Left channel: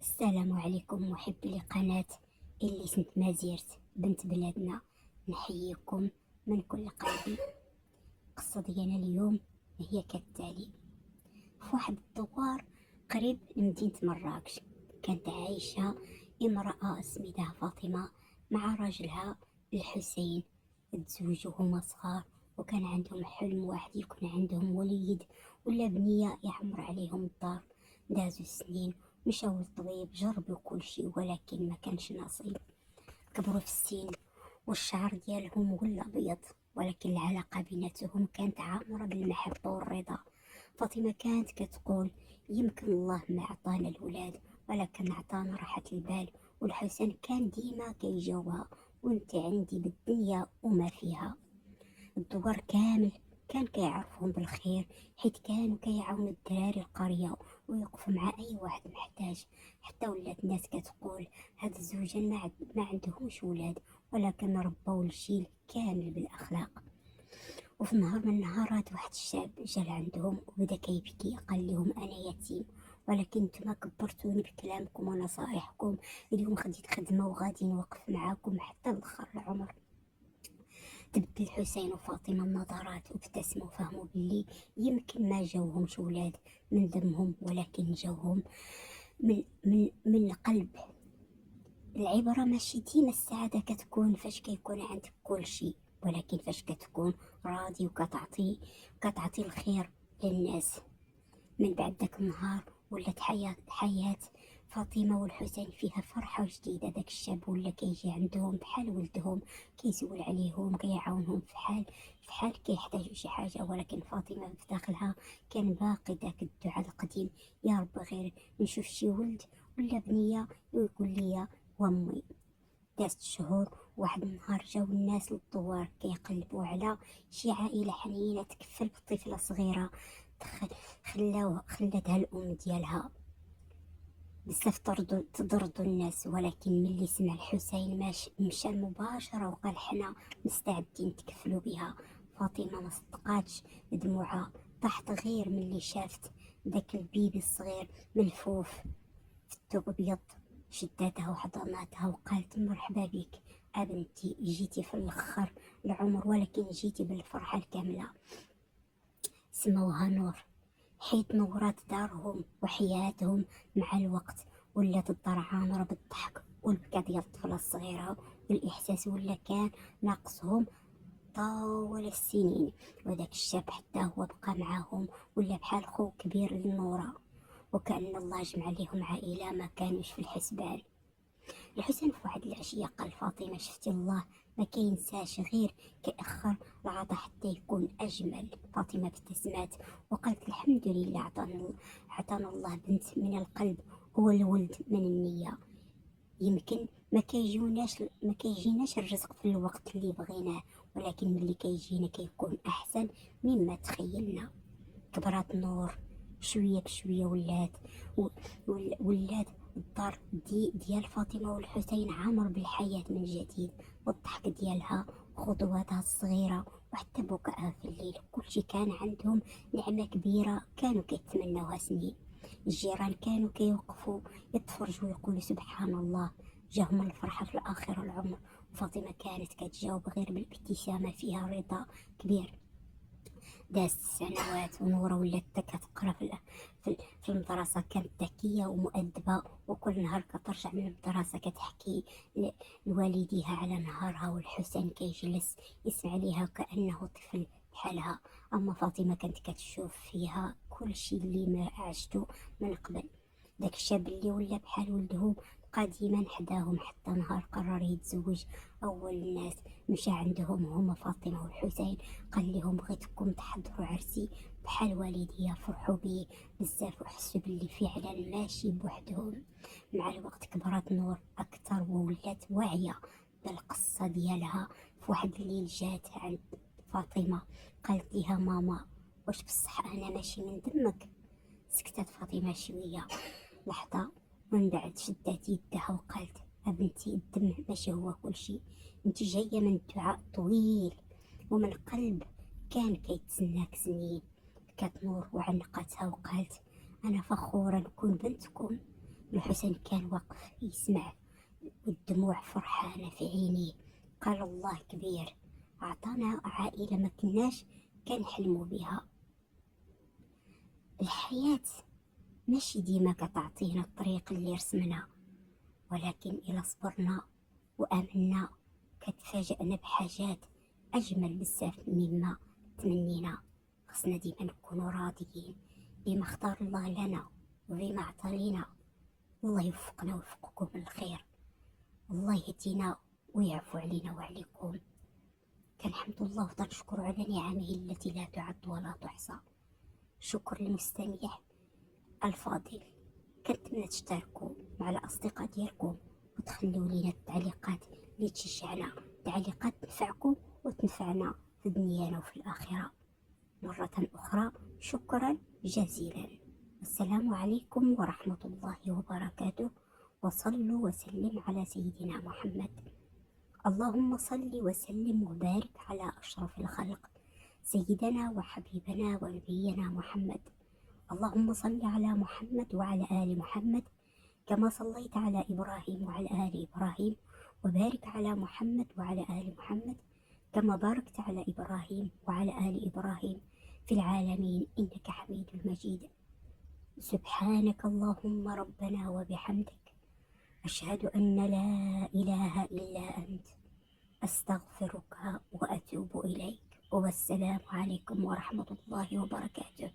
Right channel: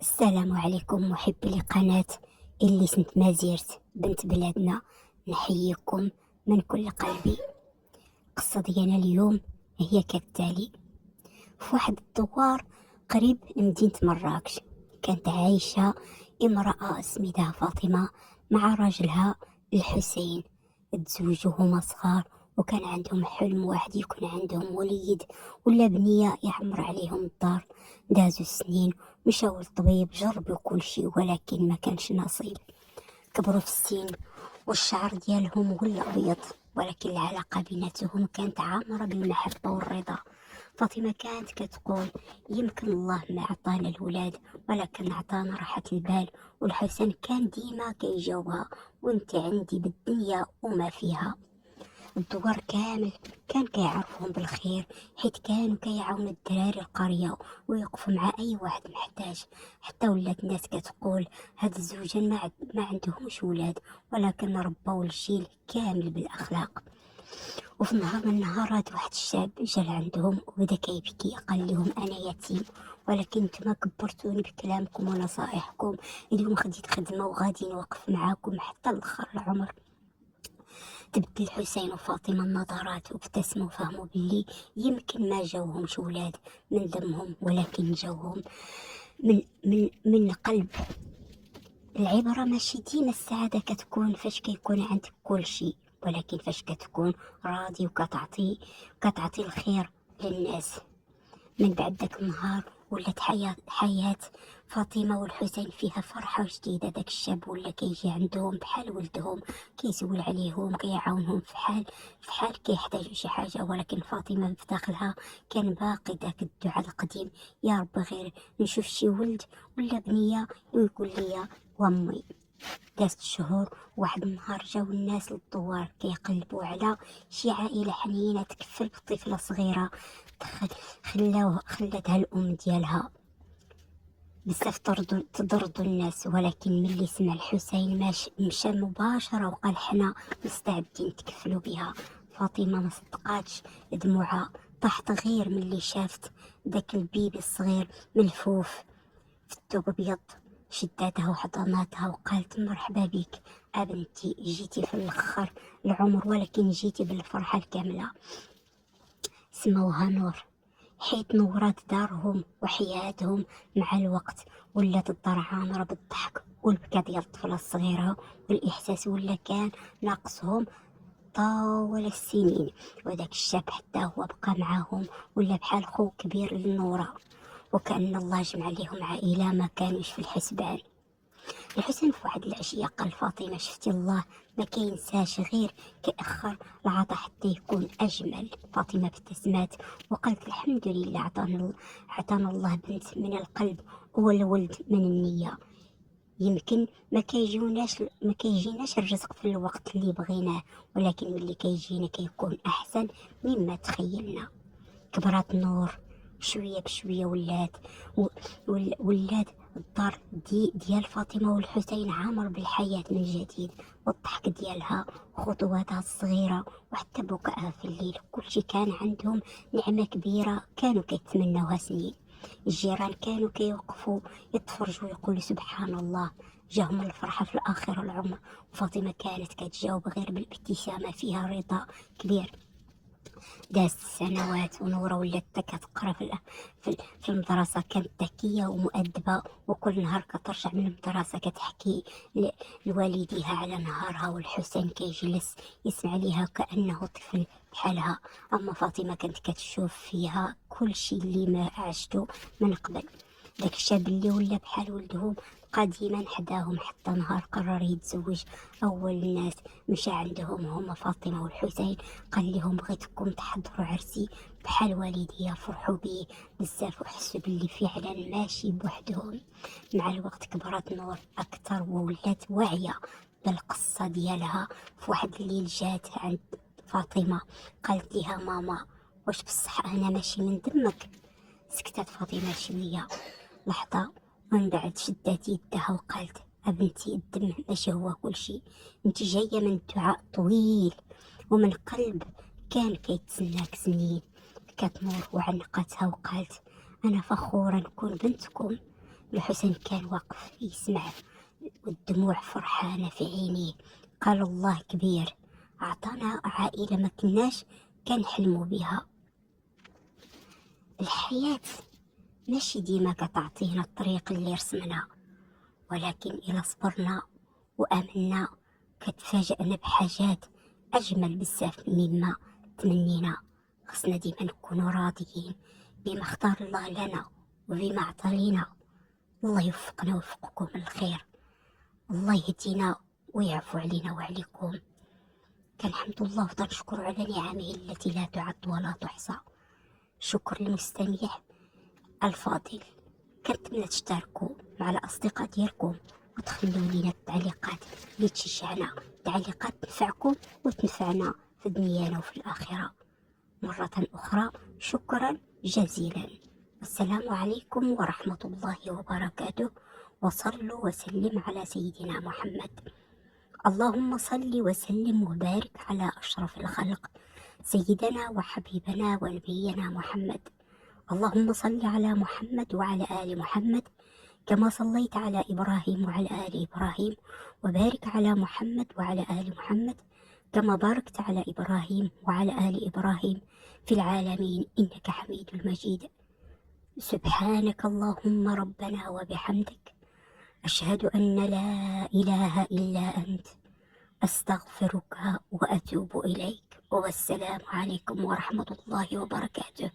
السلام عليكم محبي لقناة اللي سنت مازيرت بنت بلادنا. نحييكم من كل قلبي. القصة ديالنا اليوم هي كالتالي. في واحد الدوار قريب لمدينة مراكش كانت عايشة امرأة سميتها فاطمة مع راجلها الحسين. تزوجوا هما صغار، وكان عندهم حلم واحد يكون عندهم وليد ولا بنية يعمر عليهم الدار. دازوا السنين، مشاو للطبيب، جربوا كل شيء ولكن ما كانش نصيب. كبروا في السن والشعر ديالهم ولا أبيض، ولكن العلاقة بيناتهم كانت عامرة بالمحبة والرضا. فاطمة كانت كتقول يمكن الله ما عطانا الولاد ولكن عطانا راحة البال. والحسن كان ديما كيجاوبها وانت عندي بالدنيا وما فيها. الدوار كامل كان كيعرفهم بالخير، حيت كانوا كيعاونوا الدراري القرية ويوقفوا مع أي واحد محتاج. حتى ولات الناس كتقول هاد الزوجين ما عندهمش ولاد، ولكن ربوا الجيل كامل بالأخلاق. وفي نهار من النهارات واحد الشاب جا لعندهم وبدا كيبكي، قال لهم انا يتيم، ولكن نتوما كبرتوني بكلامكم ونصائحكم. اليوم خديت خدمه وغادي نوقف معاكم حتى لاخر العمر. تبدل الحسين وفاطمه النظرات وابتسموا وفهموا باللي يمكن ما جاوهمش ولاد من دمهم، ولكن جاوهم من القلب. العبرة ماشي ديما السعادة كتكون فاش كيكون عندك كل شيء، ولكن فاش كتكون راضي وكتعطي الخير للناس. من بعد داك النهار ولات حياة فاطمة والحسين فيها فرحة جديدة. داك الشاب ولا كيجي عندهم بحال ولدهم، كيسول عليهم، كيعاونهم في حال كيحتاجوا شي حاجة. ولكن فاطمة في داخلها كان باقي داك الدعاء القديم: يا رب غير نشوف شي ولد ولا بنية ويقول لي وامي. دازت الشهور، واحد النهار جاو الناس للدوار كيقلبوا على شي عائلة حنينة تكفل بطفلة صغيرة. خلاتها الأم ديالها. بزاف تضرضوا الناس، ولكن ملي سمع الحسين مشى مباشرة وقال حنا مستعدين نتكفلوا بها. فاطمة ما صدقاتش، دموعها طاحت غير ملي شافت داك البيبي الصغير ملفوف في الثوب ابيض. شداتها وحضناتها وقالت مرحبا بك ابنتي، جيتي في الاخر العمر ولكن جيتي بالفرحة الكاملة. سموها نور، حيت نورات دارهم وحياتهم. مع الوقت ولات الدار عامرة بالضحك والبكا ديال الطفلة الصغيرة، والإحساس ولا كان ناقصهم طول السنين. وداك الشاب حتى هو بقى معاهم، ولا بحال خو كبير للنورة، وكأن الله جمع ليهم عائلة ما كانوش في الحسبان. الحسن في واحد العشية قال فاطمة شفتي الله ما كينساش، غير كيأخر العطا حتى يكون أجمل. فاطمة ابتسمات وقالت الحمد لله، عطانا الله بنت من القلب والولد من النية. يمكن ما كيجيناش الرزق في الوقت اللي بغيناه، ولكن ملي كيجينا كيكون أحسن مما تخيلنا. كبرات نور شوية بشوية، ولات الدار ديال فاطمة والحسين عامر بالحياة من جديد، والضحك ديالها وخطواتها الصغيرة وحتى بكائها في الليل. كل شي كان عندهم نعمة كبيرة كانوا كيتمنوها سنين. الجيران كانوا كيوقفوا يتفرجوا ويقولوا سبحان الله، جاهم الفرحة في الآخر العمر. وفاطمة كانت كتجاوب غير بالابتسامة فيها رضا كبير. دازت السنوات ونورة ولات كتقرا في المدرسة. كانت ذكية ومؤدبة، وكل نهار كترجع من المدرسة كتحكي لوالديها على نهارها، والحسين كيجلس يسمع ليها كأنه طفل بحالها. أما فاطمة كانت كتشوف فيها كل شي اللي ما عشتو من قبل. داك الشاب اللي ولا بحال ولدهم بقى ديما حداهم حتى نهار قرر يتزوج. أول الناس مشى عندهم هما فاطمة والحسين، قال لهم بغيتكم تحضروا عرسي بحال والديا. فرحوا بيه بزاف وحسوا باللي فعلا ماشي بوحدهم. مع الوقت كبرت نور أكثر وولات واعية بالقصة ديالها. في واحد الليل جات عند فاطمة، قالت لها ماما واش بصح أنا ماشي من دمك؟ سكتت فاطمة شوية لحظة، ومن بعد شدات يدها وقالت أبنتي الدم ماشي هو كل شي، انت جاية من دعاء طويل ومن قلب كان كيتسناك سنين. بكات نور وعنقتها وقالت أنا فخورة نكون بنتكم، الحسن كان واقف يسمع والدموع فرحانة في عينيه. قال الله كبير، أعطانا عائلة ما كناش كنحلموا بها. الحياة ماشي ديما كتعطينا الطريق اللي رسمنا، ولكن إلا صبرنا وآمنا كتفاجئنا بحاجات أجمل بزاف مما تمنينا. خصنا ديما نكونوا راضيين بما اختار الله لنا وبما عطا لينا. الله يوفقنا ويوفقكم الخير، الله يهدينا ويعفو علينا وعليكم. كنحمد الله وتنشكر على نعمه التي لا تعد ولا تحصى. شكر للمستمع الفاضل. كنتمنى تشتركوا مع الأصدقاء ديالكم وتخلوا لنا التعليقات اللي تشجعنا، تعليقات تنفعكم وتنفعنا في دنيانا وفي الآخرة. مرة أخرى شكرا جزيلا، والسلام عليكم ورحمة الله وبركاته. وصلوا وسلم على سيدنا محمد. اللهم صل وسلم وبارك على أشرف الخلق سيدنا وحبيبنا ونبينا محمد. اللهم صل على محمد وعلى آل محمد كما صليت على إبراهيم وعلى آل إبراهيم، وبارك على محمد وعلى آل محمد كما باركت على إبراهيم وعلى آل إبراهيم في العالمين إنك حميد مجيد. سبحانك اللهم ربنا وبحمدك، أشهد أن لا إله إلا أنت، أستغفرك وأتوب إليك. والسلام عليكم ورحمة الله وبركاته.